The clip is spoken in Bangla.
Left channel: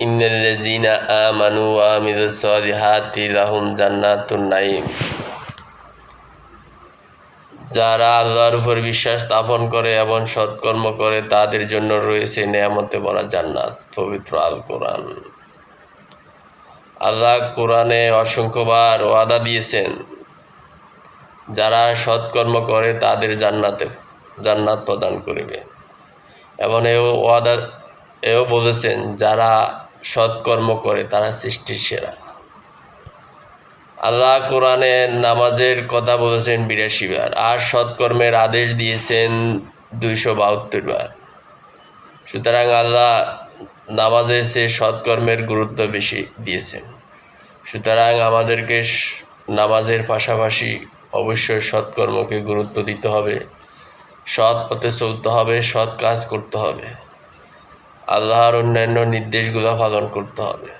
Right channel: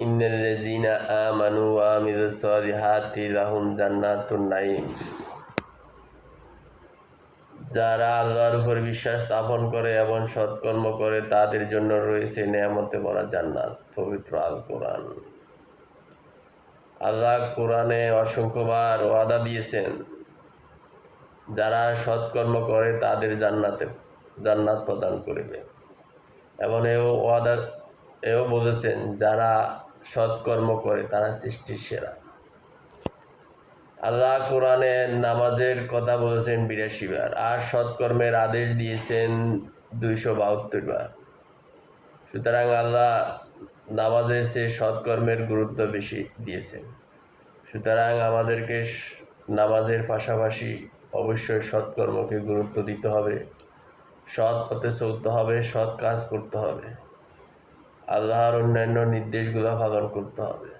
ইন্নাল্লাযীনা আমানু ওয়া আমিলুস সলিহাতি লাহুম জান্নাতুন নাঈম। যারা আল্লাহর উপর বিশ্বাস স্থাপন করে এবং সৎকর্ম করে তাদের জন্য রয়েছে নেয়ামতে ভরা জান্নাত। পবিত্র আল কোরআন। আল্লাহ কোরআনে অসংখ্যবার ওয়াদা দিয়েছেন, যারা সৎকর্ম করে তাদের জান্নাত প্রদান করিবে, এবং এও বলেছেন যারা সৎকর্ম করে তারা সৃষ্টির সেরা। আল্লাহ কোরআনে নামাজের কথা বলেছেন ৮২ বার, আর সৎকর্মের আদেশ দিয়েছেন ২৭২ বার। সুতরাং আল্লাহ নামাজের চেয়ে সৎকর্মের গুরুত্ব বেশি দিয়েছেন। সুতরাং আমাদেরকে নামাজের পাশাপাশি অবশ্যই সৎকর্মকে গুরুত্ব দিতে হবে, সৎ পথে চলতে হবে, সৎ কাজ করতে হবে, আল্লাহর অন্যান্য নির্দেশগুলো পালন করতে হবে।